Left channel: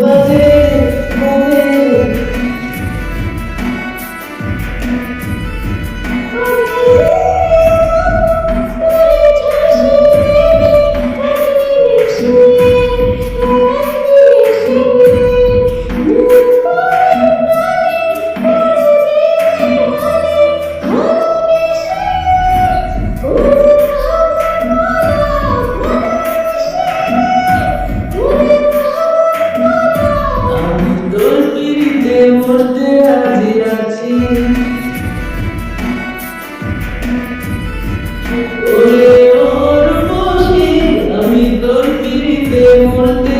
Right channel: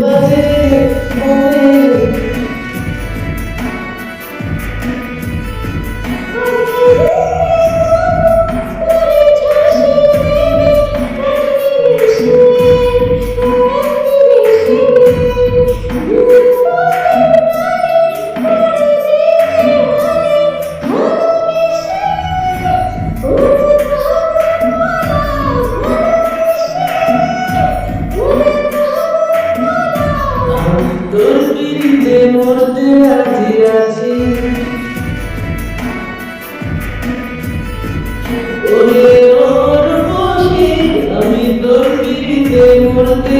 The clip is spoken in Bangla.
বাজে বাজে ഓർത്ത്